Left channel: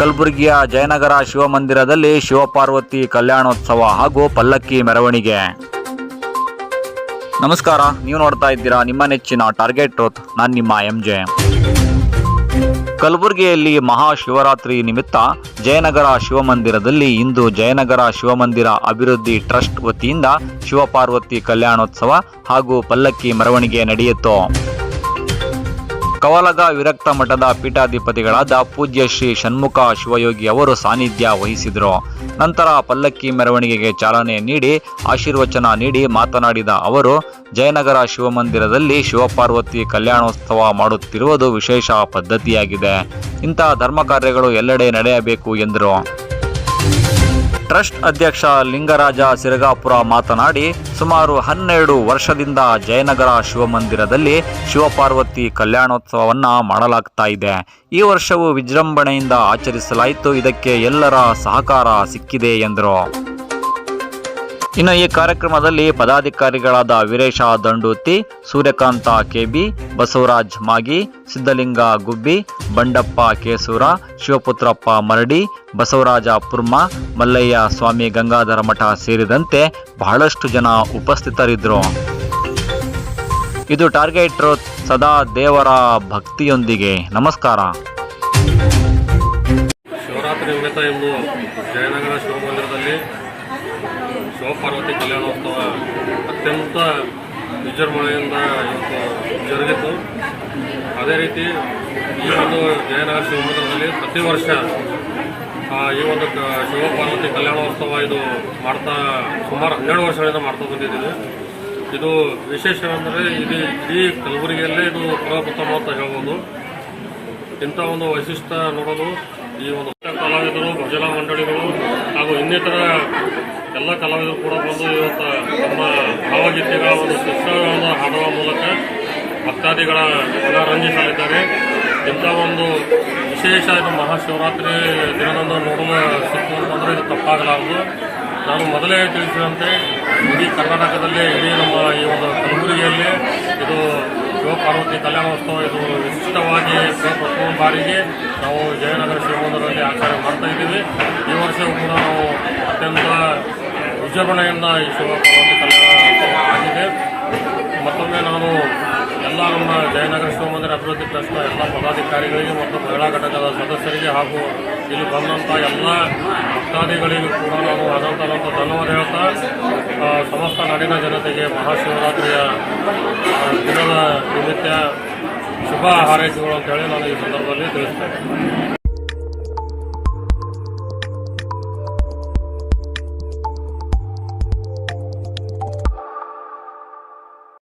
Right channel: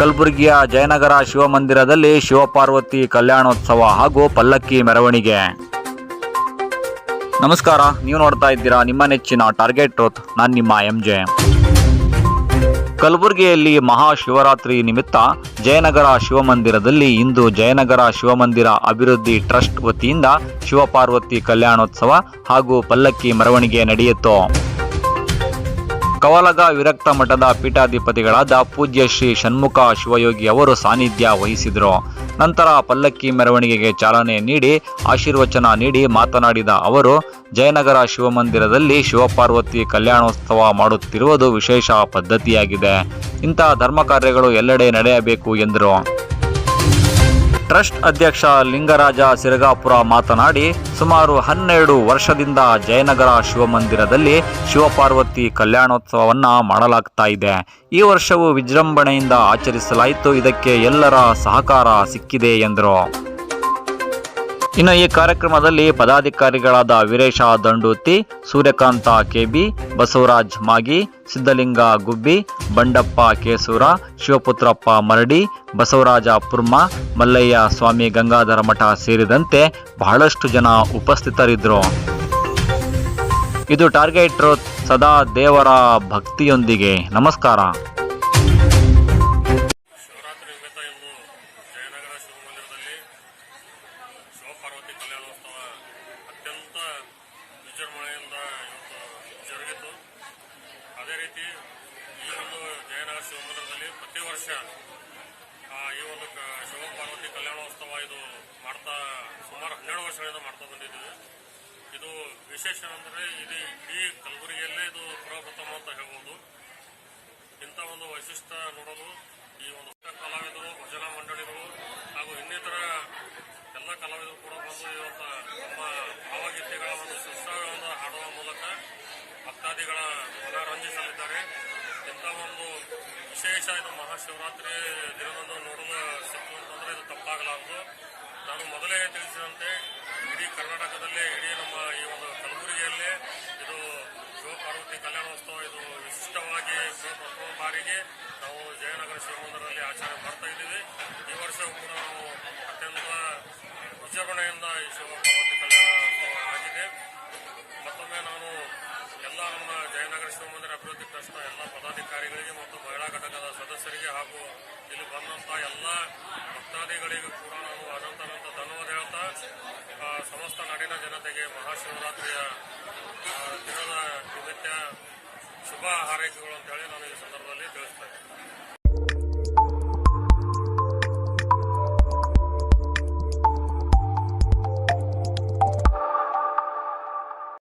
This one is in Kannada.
ಕಲಬುರಗಿಯ ಜಯನಗರ ಶಿವಮಂದಿರದಲ್ಲಿ ಶಿವಪಾರ್ವತಿ ಕಲ್ಯಾಣೋತ್ಸವ ಹಾಗೂ ಪಲ್ಲಕ್ಕಿ ಮೆರವಣಿಗೆ. ನಮಸ್ಕಾರ, ನೀವು ನೋಡ್ತಾ ಇದ್ದೀರಾ ನಿಮ್ಮ ನೆಚ್ಚಿನ ಟಾರ್ಗೆಟ್ ರೋತ್ ನಾನು ನಿಮ್ಮ ಎಂ ಜೆ. ಕಲಬುರಗಿಯಲ್ಲಿ ಮಹಾಶಿವರಾತ್ರಿ ನಿಮಿತ್ತ ಜಯನಗರ ಶಿವಮಂದಿರದಲ್ಲಿ ಇಂದು ಜಯನಗರ ಶಿವಮಂದಿರ ಅಭಿವೃದ್ಧಿ ಟ್ರಸ್ಟ್ ವತಿಯಿಂದ ಶಿವಪಾರ್ವತಿ ಕಲ್ಯಾಣೋತ್ಸವ ಹಾಗೂ ಪಲ್ಲಕ್ಕಿ ಮೆರವಣಿಗೆ ನಡೆಯಿತು. ಕವಲಗ ವಿರಕ್ತ ಮಠದ ಪೀಠಾಧಿಪತಿಗಳಾದ ಪೂಜ್ಯ ಶ್ರೀ ಷಣ್ಮುಖ ಶಿವಯೋಗಿ ಅವರು ಸಾನ್ನಿಧ್ಯ ವಹಿಸಿದರು. ನಂತರ ಪಲ್ಲಕ್ಕಿ ಮೆರವಣಿಗೆಗೆ ಚಾಲನೆ ನೀಡಿ ಆಶೀರ್ವಚನ ನೀಡಿ ಮಾತನಾಡಿದ ಅವರು, ಜಯನಗರ ಶಿವಮಂದಿರದಲ್ಲಿ ಶಿವಪಾರ್ವತಿ ಕಲ್ಯಾಣೋತ್ಸವ ಮಾಡುತ್ತಿರುವುದು ವಿಶೇಷ ಪದ್ಧತಿಯಾಗಿದೆ. ಇಂತಹ ಧರ್ಮ ಕಾರ್ಯಗಳು ಎಲ್ಲೆಡೆ ನಡೆಯಬೇಕು ಎಂದರು. ಟ್ರಸ್ಟ್ ಅಧ್ಯಕ್ಷ ಲಿಂಗರಾಜ ಸಿರಗಾಪುರ ಮಾತನಾಡಿ, ಸುಮಾರು ಹನ್ನೆರಡು ವರ್ಷದಿಂದ ಜಯನಗರ ಶಿವಮಂದಿರದಲ್ಲಿ ಶಿವಪಾರ್ವತಿ ಕಲ್ಯಾಣೋತ್ಸವವನ್ನ ಮಾಡಲಾಗ್ತಾ ಇದೆ. ಈ ವರ್ಷವೂ ವಿಜೃಂಭಣೆಯಿಂದ ಆಚರಿಸಲಾಯಿತು. ಇದಕ್ಕೆ ಎಲ್ಲರ ಸಹಕಾರ ಸಿಕ್ಕಿದೆ ಎಂದರು. ಇನ್ನು ಈ ಕಾರ್ಯಕ್ರಮದಲ್ಲಿ ಪದಾಧಿಕಾರಿಗಳಾದ ವೀರೇಶ ದಂಡೂತಿ, ಸೂರ್ಯಕಾಂತ ಕೆಬಿ, ಬಸವರಾಜ್ ಮಾಗಿ ಸಿದ್ದಲಿಂಗ ಗುಬ್ಬಿ, ಬಂಡಪ್ಪ ಕೇಸೂರ, ಶಿವಪುತ್ರಪ್ಪ ಮರಡಿ, ಬಸವರಾಜ ಪುರ್ಮ, ಮಲ್ಲಯ್ಯ ಸ್ವಾಮಿ ಗಂಗಾಧರ ಮಠ ಸೇರಿದಂತೆ ಬಹಳಷ್ಟು ಜನ ಉಪಸ್ಥಿತರಿದ್ದರು. ಇದು ಟಾರ್ಗೆಟ್ ಸದಾ ದೇವರ ಭಕ್ತಿಯೊಂದಿಗೆ. ನಮಸ್ಕಾರ. ಕಲ್ಯಾಣೋತ್ಸವ ಅತ್ಯಂತ ವಿಜೃಂಭಣೆಯಿಂದ ಇವತ್ತು ಜರುಗಿತು ಅದೇ ರೀತಿ ಈ ಒಂದು ಜಯನಗರ ಶಿವಮೊಗ್ಗದಲ್ಲಿ ಪ್ರತಿ ವರ್ಷ ಈ ಒಂದು ಶಿವಪಾರ್ವತಿ ಕಲ್ಯಾಣೋತ್ಸವ ಇದು ಮಾಡ್ತಾ, ಸುಮಾರು ಹನ್ನೆರಡು ವರ್ಷಗಳಿಂದ ಮಾಡ್ತಾ ಬಂದಿದ್ದೀವಿ. ಇದು ವಿಶೇಷವೆಂದರೆ ಇದು ಇಡೀ ಕಲಬುರಗಿಯಲ್ಲೇ ಇದು ಪ್ರಪ್ರಥಮ ಅಂತ ಹೇಳ್ಬೋದು. ಇಂಥ ಒಂದು ವೈಶಿಷ್ಟ್ಯ ನೋಡೋದು ಈ ಒಂದು ಕಲಾವಿದರು, ಭಜನಾ ಮಂಡಳಿಗಳು ಹಾಗೂ ಇನ್ನಿತರ ಎಲ್ಲ ಕಲಾವಿದರು ಕೂಡ ಬಂದು ಇವತ್ತು ನಮ್ಮ ಭಾವಗೀತೆಗಳ ಒಂದು ಶಿಕ್ಷಣಗಳನ್ನು ಹಾಡುವ ಮೂಲಕ ಭಕ್ತಾದಿಗಳ ಮನರಂಜಿಸಲಿದ್ದಾರೆ. ಇಂಥ ಒಂದು ವಿಶೇಷ ಇದು ಮಹಾಶಿವರಾತ್ರಿ ದಿನದಂದು ನೋಡಲು ಅಂದರೆ ಇದು ತಪ್ಪಾಗಲಾರದು. ನಾನು ಮೊದಲೇ ತಿಳಿಸಿದಂತೆ ಇಡೀ ಕರ್ನಾಟಕದಲ್ಲಿ, ಇಡೀ ನಮ್ಮ ಈ ಒಂದು ಕಲಬುರಗಿಯಲ್ಲಿ ಇದು ಶಿವಪಾರ್ವತಿ ಕಲ್ಯಾಣೋತ್ಸವ ಇದು ವಿಶಿಷ್ಟವಾಗಿ ಪ್ರಥಮ ಬಾರಿಗೆ ನಾವು ಜಯನಗರ ಶಿವಮೊಗ್ಗದಲ್ಲಿ ಆಚರಣೆ ಮಾಡ್ತಾ ಇದ್ದೀವಿ. ಈ ವರ್ಷವೂ ಕೂಡ ನಾವು ವಿಜೃಂಭಣೆಯಿಂದ ಈ ಆಗಿದೆ. ಮತ್ತೊಮ್ಮೆ ನಾನು ಎಲ್ಲ ನಮ್ಮ ಜಯನಗರ ಶಿವಮಂದಿರ ಅಭಿವೃದ್ಧಿ ಟ್ರಸ್ಟ್ನ ಎಲ್ಲ ಪದಾಧಿಕಾರಿಗಳಿಗೆ ಮತ್ತು ಮಹಿಳಾ ಘಟಕದ ಸದಸ್ಯರಿಗೆ ಹಾಗೂ ಇಲ್ಲಿ ಬಂದಂಥ ಎಲ್ಲ ಭಕ್ತಾದಿಗಳಿಗೂ ಕೂಡ ನಾನು ಅನಂತನಂತ ಧನ್ಯವಾದ ಹೇಳ್ತಾ ಸಮಸ್ತ ನಾಡಿನ ಜನತೆಗೆ ಮಹಾಶಿವರಾತ್ರಿಯ ದಿನದ ನಿಮಿತ್ತ ಶುಭ ಹಾರೈಕೆಗಳು ಅಂತೇಳಿ ನಾನು ಈ ಸಂದರ್ಭದಲ್ಲಿ ತಿಳಿಸ್ತೇನೆ.